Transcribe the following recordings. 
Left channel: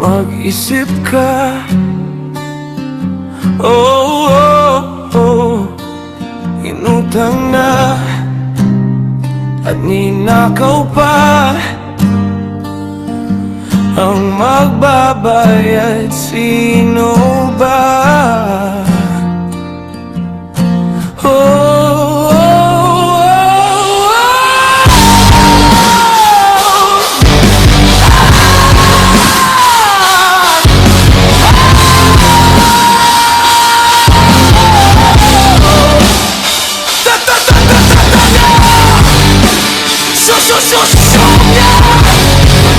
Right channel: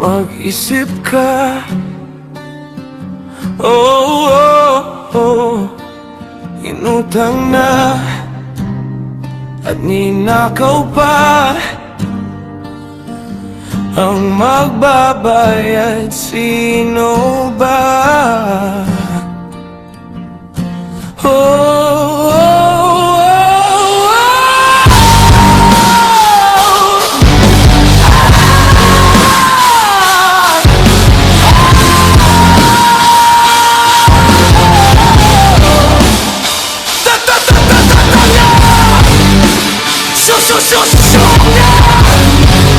mag-isip ka. Oh, oh, oh. Inutang na at ninakaw pa. Ang magbabayad, sino ba? Oh, oh, oh, oh. Susususunga,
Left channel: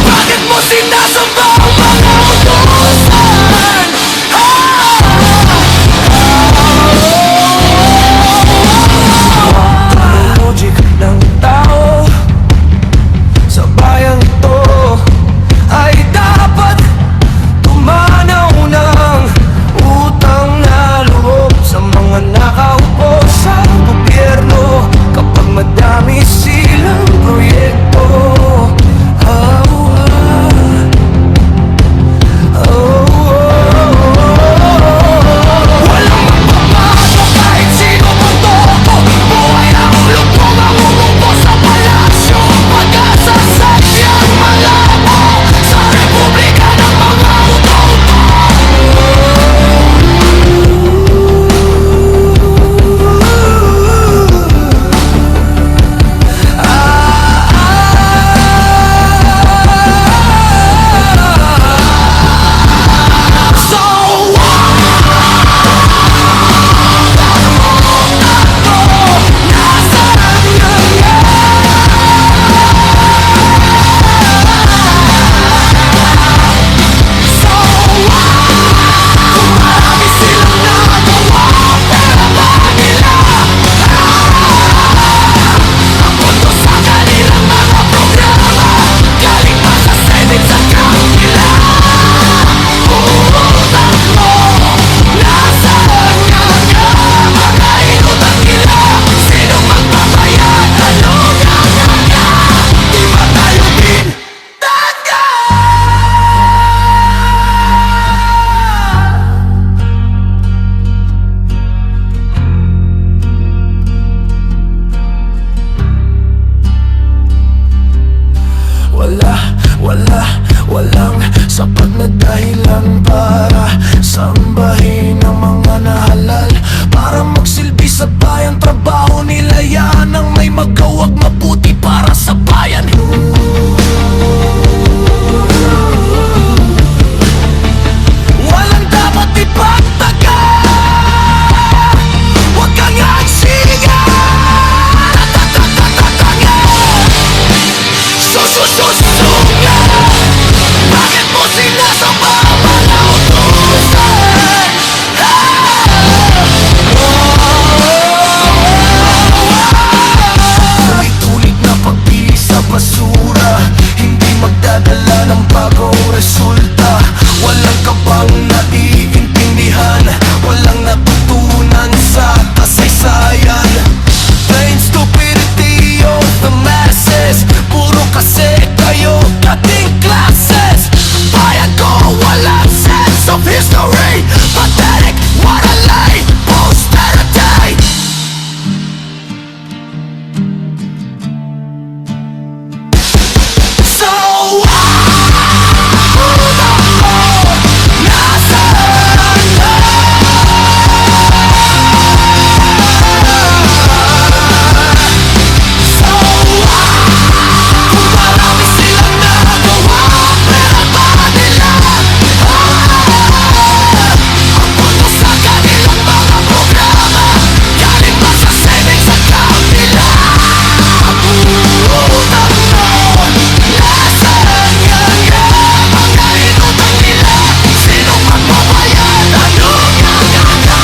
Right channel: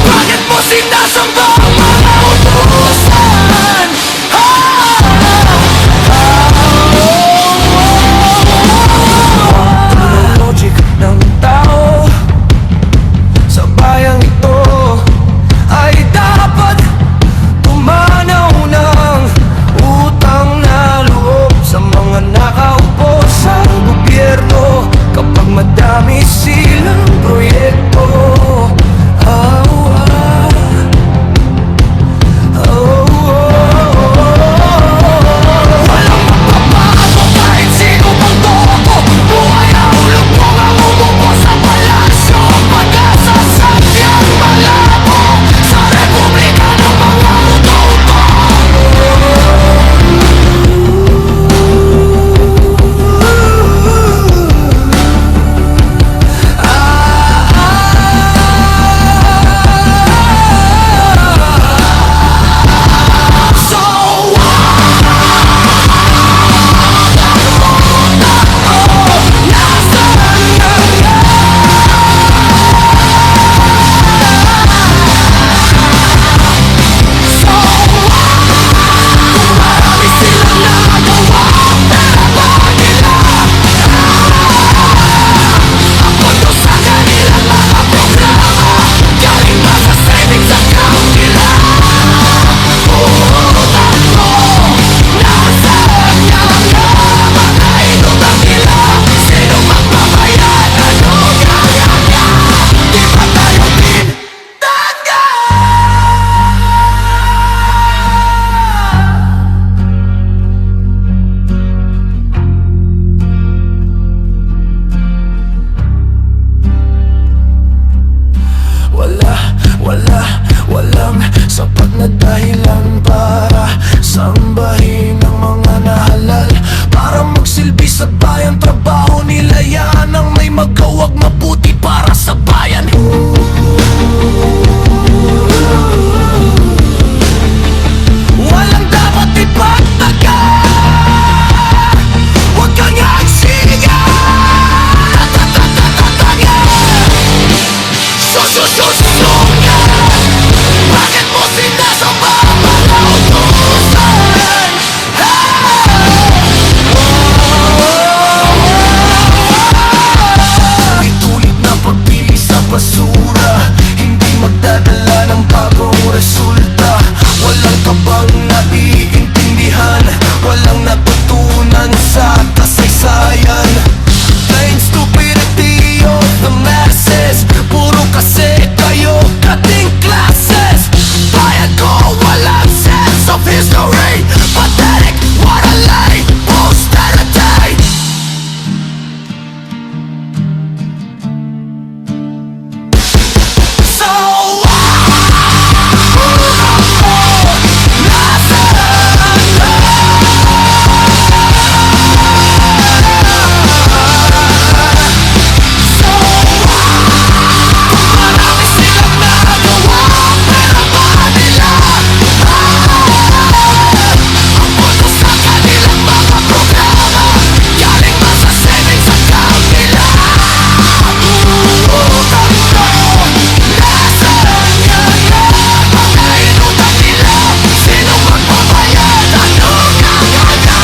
bakit mo sinasamba ang mga utusan? Ang logic ng tao sa bayang ito ay dapat tumanaw ng utang na loob sa mga nakaupo sa gobyerno kapag madami silang proyekto. Walang magbabago kahit sino pang toko. Buhay na hulog mo ang umupo sa palasyo. Pag-asa sadyang malabo sa republika ng mga uto-uto. Walang sapat na dahilan para sambahin ang mga nahalal. Para magsilbi sa bayan, trabaho nila yan ang may magawag mabuti para sa bayan. Walang dapat ipagtaga, huwag kang agsiga. Tatatatatatanga, susususunga, bakit mo sinasamba ang mga utusan? Ulit-ulit na pagpili sa basura, hindi magdadala ng bagong resulta. Walang kabang naiintindihan, walang natutunan sa kasaysayan. Plain stupidity of the masses, puro kasi kayo dating classes. Bayan ko walang sense of history, pathetic, what a lie, posterity. So utang mo, nasaan na? So kung marami silang nagawa, pero ba nila ang pondo sa kanilang mga programa galing ba sa savings account nila? Utang mo, nasaan nga mga inutang nila? Sinong magbabayad? Anong nga?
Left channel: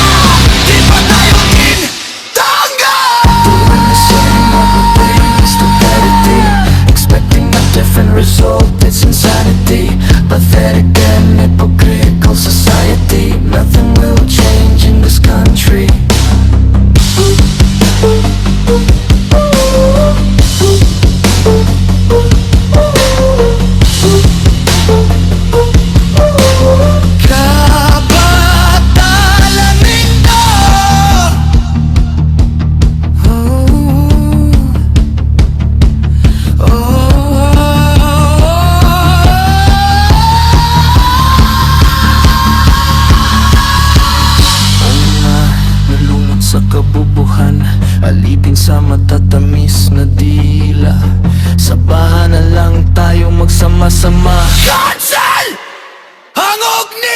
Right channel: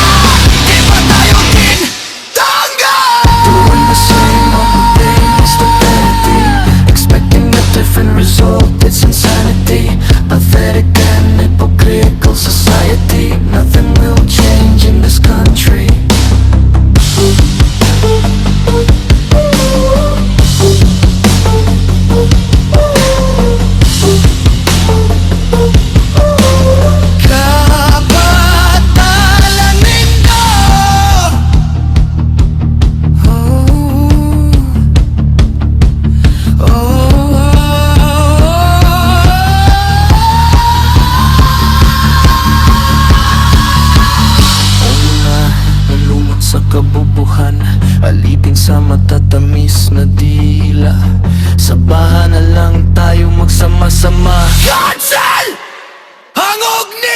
Di ba tayo tintangga? Doing the same old thing, stupidity. Expecting a different result, it's insanity. Pathetic and hypocritical society. Nothing will change in this country. sa matatamis na dila. Sabahan na lang tayo magsama-sama. Cancel! Hangog ni